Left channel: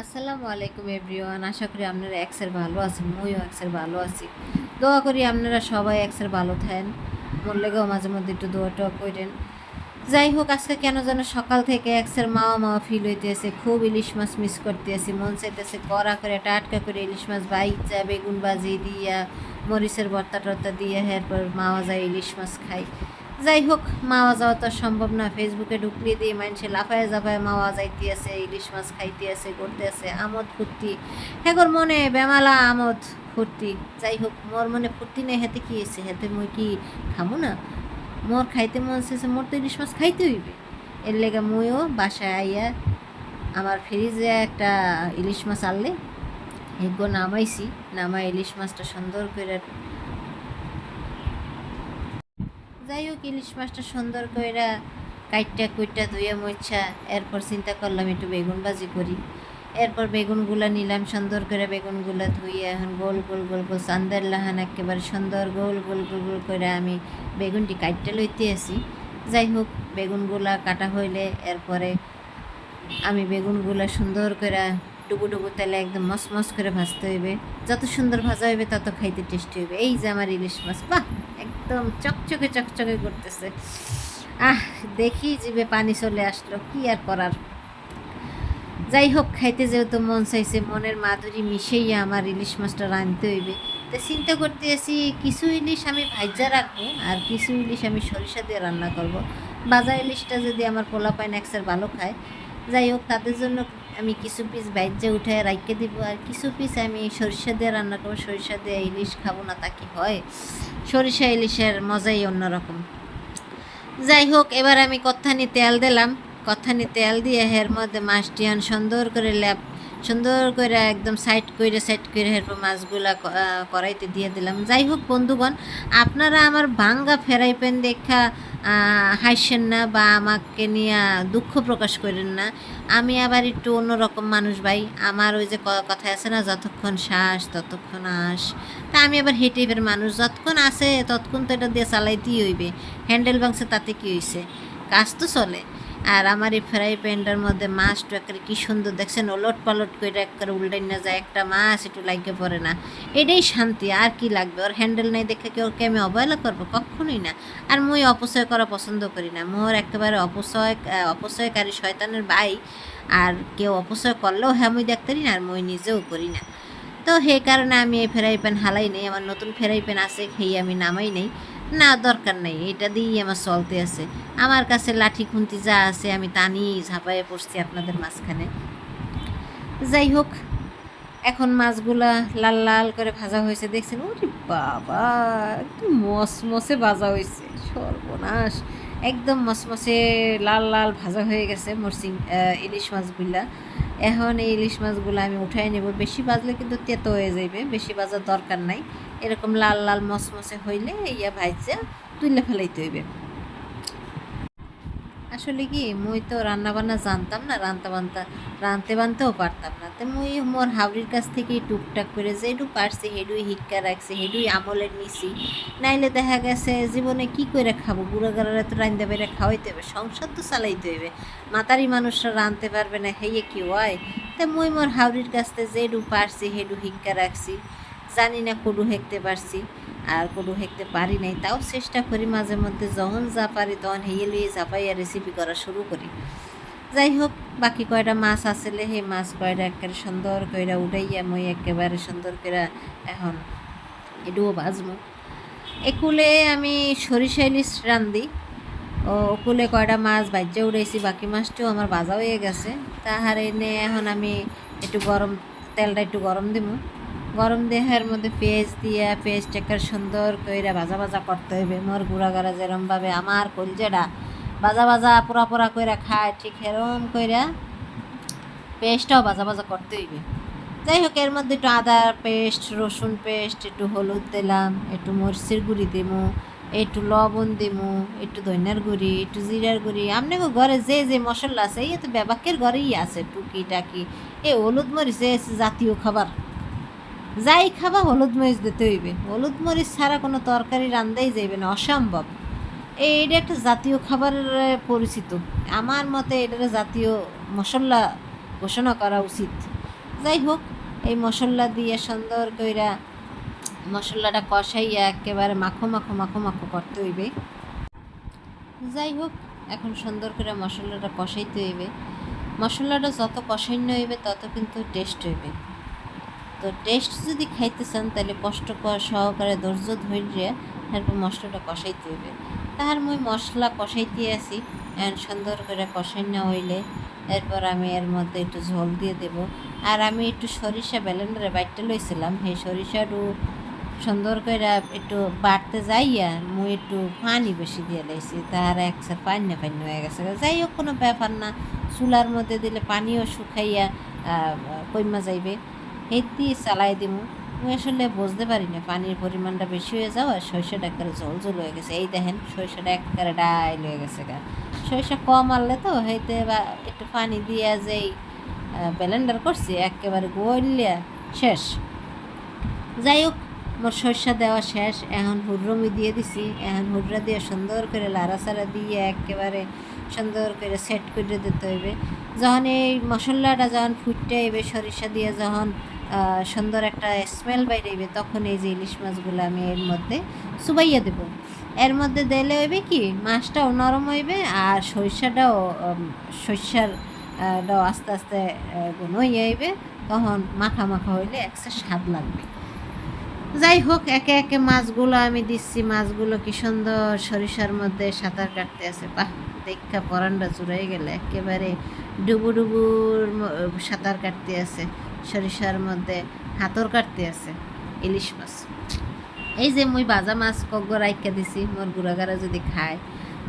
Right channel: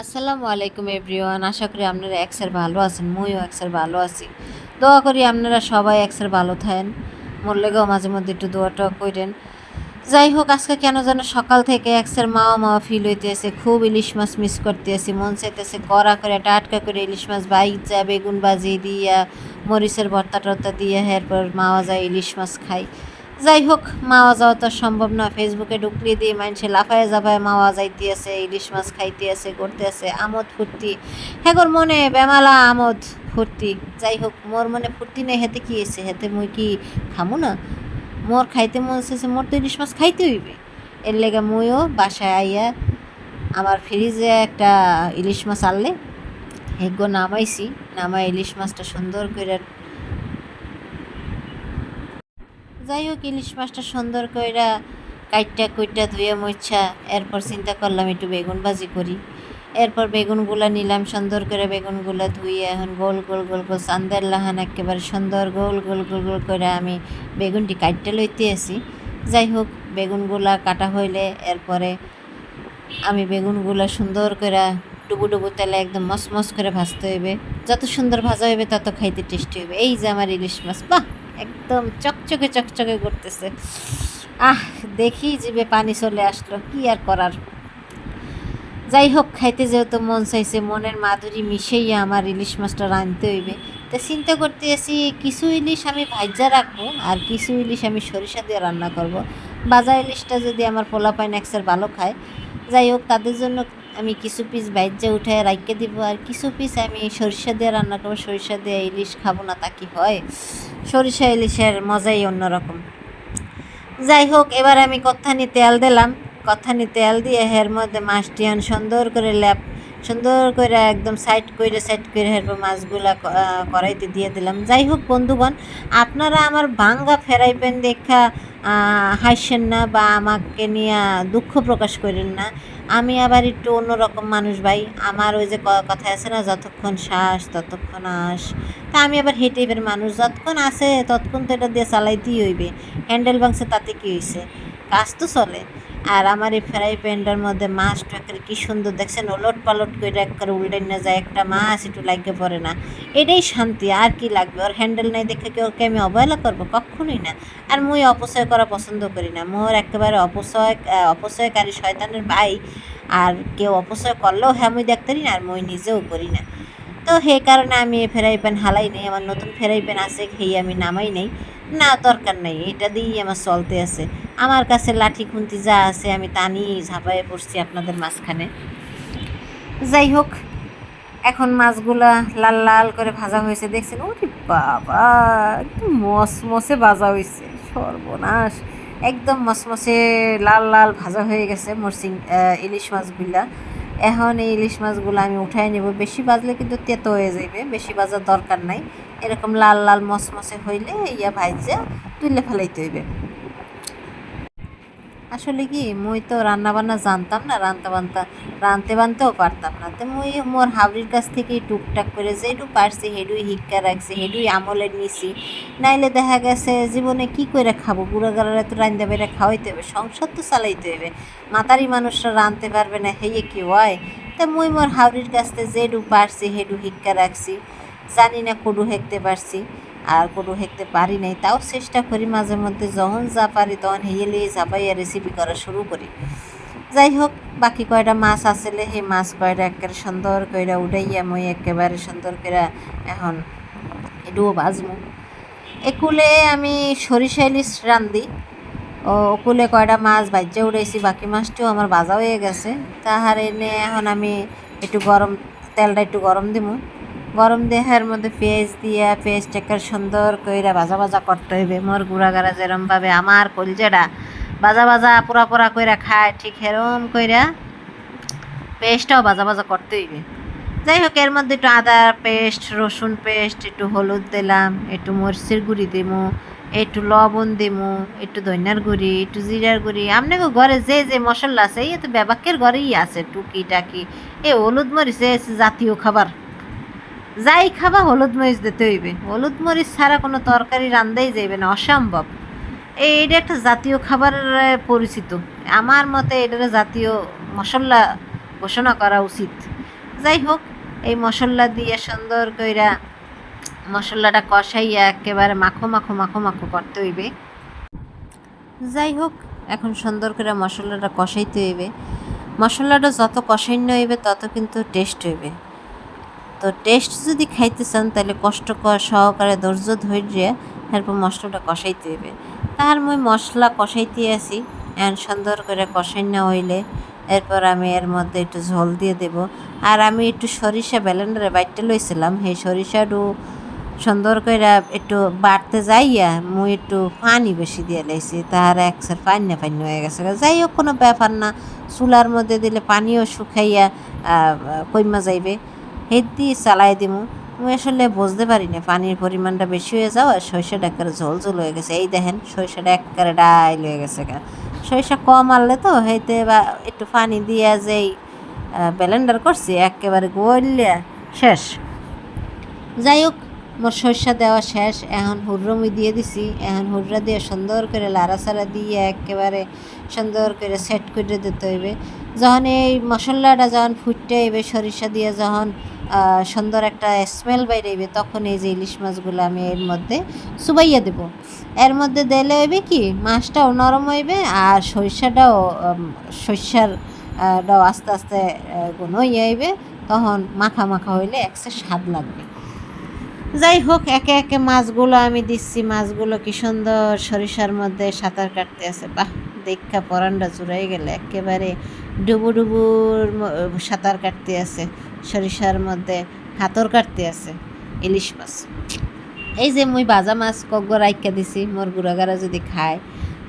আসসালামু আলাইকুম এভরিওয়ান। আশা করি আপনারা একসের ভালো আছেন, মুইও একসের ভালো আছি। দোয়া করি আপনারা সবাই একসের ভালো থাকেন। মোর লেগেও মাঝে মধ্যে একটু দোয়া টোয়া করেন। যাই হোক, আজকে কেন যেন সকাল থেকে একসের মাওয়া মাওয়া ফিল হইতেছে। খুব ইলিশ মাছ মিস করতেছি, মন চাইতেছে কড়া করে টাটকা করে ইলিশ মাছ বাইচা বেগুন ভাজি দিয়া মরিচের ভর্তা টর্তা দিয়ে এরপর মাওয়া যায় ইলিশ মাছ খাই। যাই হোক, মাওয়া যাওয়া তো সম্ভব না। ফেসবুকে ঢুকলে দিয়ে মানুষে লাফায় জাফায় মাওয়া যাইতে আছে, ইলিশ মাছ খাইতে আছে, করতে আছে, আমোদ ফুর্তি। হ্যাঁ মনে বেমালা আমোদ ফুর্তি। যাই হোক, মোর মনে ফুর্তি নেই, হেতে কি এসে হেতে মুই কি খামু না? মোর খাইতে মন চেয়েছে, মোর তো ইলিশ মাছ খাইতে হইবে। এর লেগে মুইও বাসায় আইয়া আমার ফ্রিজে একটা ইলিশ মাছ আনলে হেগো নামাইছি। নামাই ইলিশ মাছটা সুন্দর করে, যাই হোক, ইলিশ মাছটা সুন্দর কইরা কাইটটা কুইটটা ধুয়ে মুছা এরপর চিন্তা করলাম একটু বেগুন ভাজি করি। এরপর বেগুনগুলা নিলাম, সুন্দর করে বেগুনগুলা ধুয়ে এখন গোল গোল গোল গোল চান্দের লাহান একেবারে সুন্দর গোল গোল গোল গোল করে আমি বেগুনটি কাটতে লইতে আসি। যাই হোক, বেগুনগুলা কাটা হইলে এরপরে আমি বেগুনগুলা সুন্দর করে ডুবু ডুবু তেলে একদম মসমস করে ভাজতে হইবে। যত সুন্দর ভাজা হইবে তত খাইতে টেস্টি হইবে। এই যে আমার ইলিশ মাছ, বাহ, একদম চকচকে চকচকে করতেছে। আহ, দেখি জিভে পানি চলে আসলো, কি আর করার। যাই হোক, খাইতে যেহেতু মন চাইছে, মনের মাধুরী মিশেই আমার ইলিশ মাছটা রাঁধতে হইবে। তো চিন্তা করতে আছি, কিছু ইলিশ আমি ভাজ্যা রাখবো আর কিছু ইলিশ আমি সরিষা দিয়ে রান্না করব। বাজা ইলিশটা যদি আমার পোলাপাইন একসের ভালো খায়, যাই হোক, তাদের জন্য আমি কিছু পিস ভাজ্যা উঠে রাখতে দিব আর কিছু পিস আমি সরিষা দিয়ে রান্না করবো। সরিষা দিয়ে ইলিশ খাবো না তা কি হয়? সরিষা ইলিশের মজাই অন্যরকম। যাই হোক, এবার আমি কত্থানি তেল দিলাম। কত্থানি তেল দিয়ে এর মধ্যে মাছটি সুন্দর করে সুন্দর করে একদম সাইড করে এরপর মাছগুলা কড়াইতে দিয়ে দিলাম। যাই হোক বন্ধুগণ, আপনারা আমার ভাঙ্গা ফ্রাই প্যান দেখা হাসছেন না বা আমাকে নিয়ে দুঃখ প্রকাশ করেন না। আমি আবার একটু অন্যরকম মানুষ ভাই। আমার ওই যে কথা আছে না, যতক্ষণ শ্বাস ততক্ষণ আস। তা আমি আবার হে টাইপের মানুষ, যতক্ষণ আছে ততক্ষণ তো এটা দিয়ে চালাইতেই হইবে। হ্যান্ডেল ভাঙছে তাতে কী হয়েছে, কাজ তো চলে। আর আমার এই ফ্রাই প্যানটার মধ্যে মাছটা একেবারে কী সুন্দর দেখছেন, ওলট পালট করে একেবারে উল্টাই না যায়, একটা মাছ একটু লাগিয়ে পড়ে না। এটাই শান্তি, আর কি লাগবে? ওর হ্যান্ডেল নাই দেখে কি ওকে আমি অবহেলা করবো? কখনোই না। আর মুই অপচয় করা পছন্দ করি না। মোর একেবারে অপচয়কারী শয়তানের ভাই। আর কেউ অপচয় করলেও হ্যাঁ মুই দেখতেরি না, আর মুই নিজেও করি না। তো সেই কারণে আমি এই ফ্রাই প্যান হালাই নেই। আমার নতুন ফ্রাই প্যান আছে, খেয়ে আমি নামাই নেই। না, দরকার নেই, এটা দিয়েই আমার চলতে আছে। আমার কাছে লাঠি খুন্তি যা আছে আমি তা নিয়েই ঝাঁপাইয়ে পড়ছি আপনাদের মাঝখানে। যাই হোক, এখন মাছগুলা লাল লাল করে ভাজা হয়েছে, দেখছেন? ওরে বাবা, একদম মসমসে ভাজা হয়েছে, সর্বনাশ! একদম মসমসে লাল লাল ভাজা হয়ে গেছে ইলিশ মাছগুলা। এখন এই ইলিশ মাছগুলো আমি উঠাই নেব। বেশি ভাজলে কিন্তু তেতো হয়ে যাবে, বেশি ভাজার দরকার নাই। এরকম লাল লাল মসমসে হইলে ইয়া ভাজা তুলে ফেলাইতে হইবে। আসলে কি, মুই তো রান্না বান্না জানতাম না, রানতে বানতেও পারতাম না। তো মুই মোর হাবড়ির কাছ থেকেই টুকটাক করে যেটু পারছি হেডুই হিক্কা রাখছি, হেডুই আমলের নিছি। নাইলে দেখা গেছে জীবনে কি করে খাবো? বুড়া গাড়ারা তো রান্দা বেড়ে খাওয়াইতে হবে, সংসার তো চালাইতে হবে। মাতারি মানুষরা রানতে পারবে না, হেয়ে কি হয়? তা মুই মোর হাবড়ির কাছ থেকে যেটু পারছি হেডু হিক্কা রাখছি। জানি না কডু হেঁকতে পারছি আর কোনো হেঁকতে পারি নাই, তাও চেষ্টা করি মাঝে মধ্যে, যখন যা পারি তখন হেয়েলে ঝাপাইয়া রেসিপি করা শুরু করি। যাই হোক, বাকি কয়টা মাছ আসলে সেই মাছ কয়টা একেবারে সুন্দর কইরা উঠাইয়া মই একেবারে সুন্দর করে এখন এটুও ভাজমু। একুলে আমি সরিষা ইলিশ রান্ধি। ওকুলে কয়টা মাছ ভাজ্যা উড়াইছি, বাকি মাছটিও আমার ভাজা হয়ে গেছে। তাহার এনে এখন আমি তেলটা একটু গরম দিমু। গরম দেহের মধ্যে পেঁয়াজ দিয়া পেঁয়াজটাকে সুন্দর কইরা ভাজা ভাজা করতে হইবে। মোর গুঁড়াগাড়া যেরমভাবে আমার কলজেটা ভাজা ভাজা পোড়া পোড়া কইরা খায়, ঠিক সেরম কইরা পেস্টটাও ভাজা ভাজা করতে হইবে। যাই হোক, এর মধ্যে একটু আদা পেস্ট, রসুন পেস্ট, একটু হলুদ দিলাম, একটু মরিচের গুঁড়ি দিমু, একটু লবণ দিমু, একটু ধনিয়ার গুঁড়ি, একটু জিরার গুঁড়ি। আপনাকে ঘরে যে যে মশলা আছে এই তো ব্যাপাকের ঘরেই আছে টুকি টাকি। হলুদ মরিচ জাতীয় খাবার, যাই খাবা হলুদ মরিচ দিতে হইবে। হলুদ মরিচ ছাড়া কোনো তরকারি রান্দাই যাইবে না, অসম্ভব। এইটা একটা জাতীয় খাবারের পরিচিত। আমার মতে এটার জাতীয় মশলা ঘোষণা করা উচিত। যাই হোক, এই মশলা দিয়ে সুন্দর কইরা মশলাটা কষাইয়া একেবারে মাখো মাখো মাখো মাখো করতে হইবে। যাই হোক, এখন সুন্দর করে মশলাটা কষাইতে হইবে। মশলাটা যত কষাইন্য হইবে তত কিন্তু টেস্ট হইবে। তো টেস্ট যদি খাইতে চান তাহলে কষ্ট সহকারে ধৈর্য ধৈর্যে এরপর মশলাটা কষাইতে হইবে। তার মই মশলা কষাইতে আসি, এখন সুন্দর করে কষাইন্য হইলে এরপর আমি এর মধ্যে একটু ঝোল দিয়ে দেব। আর আমি একটু সরিষা ব্লেন্ডারে বাইটতে লইছিলাম, সেই সরিষাটু সুন্দর করে একটু বাড়তে যাইয়া মুই একটু পানি বেশি দিয়ে লাইছি, তার একসার পান্না পান্না হয়ে গেছে। যাই হোক, কোনো ব্যাপার না, চুলার মধ্যে দিলে পানিও শুকাইয়া কইমা যাইবে, হেদ দিয়ে চালাই দিমু। আমি আসলে বুঝতে পারি না পানির পরিমাণটা বেশি হয়ে যাও, আর সরিষাটা একেবারে ঝোল ঝোল হয়ে গেছে। এই দেখেন সরিষাটা একেবারে ডাইল হয়ে গেছে। সরিষা কম আনলে তো হইতে বা একটু পানি দিয়া যেই ব্লেন্ডার করছি একেবারে গলিয়া শেষ। যাই হোক, মোর সরষা দেওয়া শেষ, এখন হুররমি দিয়ে দিছি। এখন হুররা দিয়ে সুন্দর করে লাড়াচাড়া দিয়ে একেবারে সুন্দর করে সেট করে দিতে হইবে। যখন এই মশলাটা যখন ফুটতে হইবে, সরিষা দিয়ে যখন সুন্দর একটা স্মেল বাইরেবে, তখন এই যে ইলিশ মাছগুলো আমি এর মধ্যে চুবাইয়া দেব। এর মধ্যে দিলে হইবে কি, মাছটাও নরম হইবে আর সরিষাটাও সরিষারটাও আস্তে আস্তে গুণ হয়ে হইবে, তখন মাখা মাখা হইলে একটা স্বাদ লাগবে। যাই হোক, একে একে মাছগুলো আমি দিচ্ছি। মাছগুলো কি সুন্দর সরিষার মধ্যে সাঁতার কাটতে আছে, বাহ, দেখা পরানটা জুড়াই গেলে, একেবারে ডুবু ডুবুর সাঁতার কাটতে আছে, সরিষার মধ্যে হাতর কাটতে আছে ইলিশ মাছ। এই যে মুই ভাজা মাছ কগ্গ রাইখা দিছি, মোর গুড়াগারা যদি খায়।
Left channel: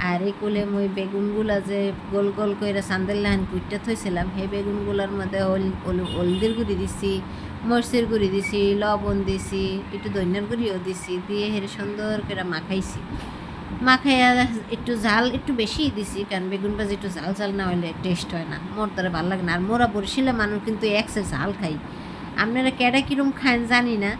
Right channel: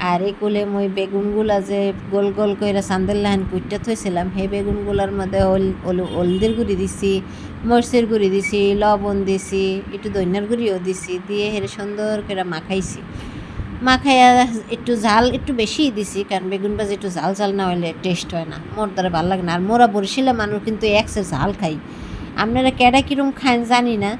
আর এই কুলে মুই বেগুনগুলা যে গোল গোল করে চান্দের লাহান কুইটটা থইছিলাম, সেই বেগুনগুলোর মধ্যে হলদির গুঁড়ি দিছি, মরিচের গুঁড়ি দিছি, লবণ দিছি, একটু ধনিয়ার গুঁড়িও দিছি, দিয়ে হেরে সুন্দর করে মাখাইছি। মাখাইয়া একটু ঝাল একটু বেশিই দিছি, কারণ বেগুন ভাজি একটু ঝাল ঝাল না হইলে টেস্ট হয় না, মোর দ্বারা ভালো লাগে না। আর মোরা বরিশালের মানুষ কিন্তু একসে ঝাল খাই, আপনারা কেডা কিরম খান জানি না,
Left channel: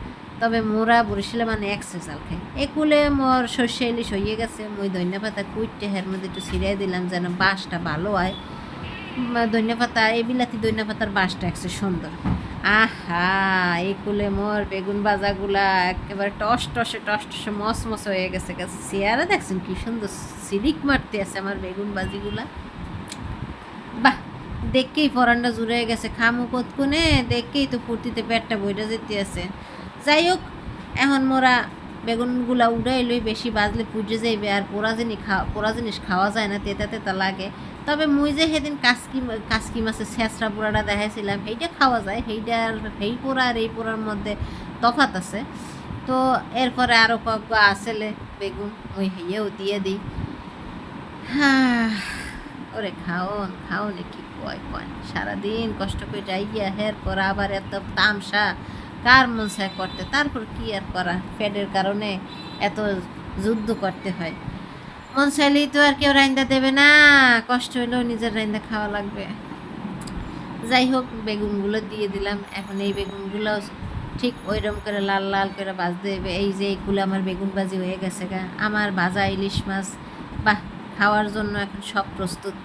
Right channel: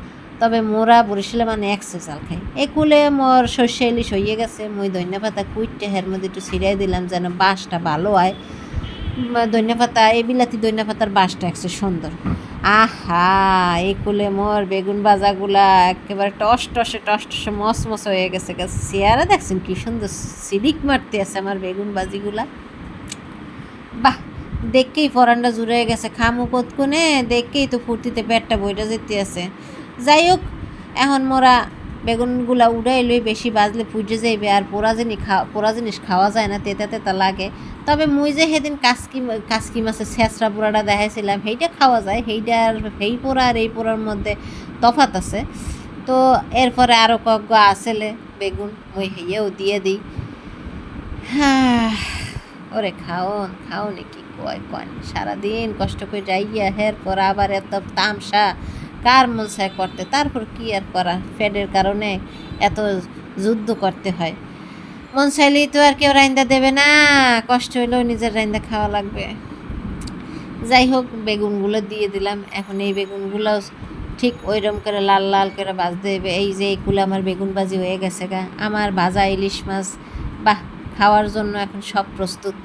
তবে মোরা বরিশালের মানে একসে ঝাল খাই। এই কুলে মোর সর্ষে ইলিশ হইয়ে গেছে, মুই ধনিয়া পাতা কুইটে হের মধ্যে একটু ছিড়াই দিলাম যেন বাসটা ভালো হয়। ধনিয়া পাতা, এই বিলাতি ধনিয়া পাতার বাসটা একসে সুন্দর। আহা, এই কুলে মোর বেগুন ভাজাগুলা একেবারে টস টসে মস মস হয়ে গেছে। চেয়ারা দেখছেন কি সুন্দর সিলিক মারতে আছে আমার বেগুন ভাজিগুলা, বাহ, দেখকেই পরানটা জুড়ে গেছে। খামু কতক্ষণে, দেখকেই তো ফুর্তিতে পেটটা বইটা যেতে আছে। যাই হোক, এখন মোরা বেগুনগুলা উড়াই লই, বেশি বাজলে পুজে যাইবে, আর পোড়া জিনিস খাওয়া যায় না, তেতা তেতা লাগে। তবে মুই যে সেদিন কাসকি মাছের ছেঁচড়া পোড়াটা দেখাইছিলাম, সেইটা খাওয়া যায়। সেই পোড়া আর এই পোড়ার মধ্যে তফাত আছে। তো এরপরে আরও কয়েক আসলে বেগুন মুই হেয়েও দিয়ে দিই। হ্যাঁ, ওরে খাওন কি কয় সারাদিন কষ্ট করে যাইয়া হের পর আবার এত তামসা কার মন চায় করতে, তারপর কি আর করা, ফ্যাটের কারণে এত যুদ্ধ করতে হয়। মন চাইলেই তো আর কেউ রাইন্দা দেবে না, কষ্ট হইলেও নিজের রাইন্দা খাওয়া লাগবে। যাই হোক, বেগুনগুলো দিয়ে দিলাম। এখন এই বেগুনগুলো ঠিক ওইরকম করে লাল লাল করে ভাজতে হবে। এই যে এইগুলো আমার বেগুন ভাজি হয়ে গেছে আমার ভাজা ইলিশ মাছ, বাহ, খাওয়ার জন্য এখন সব প্রস্তুত।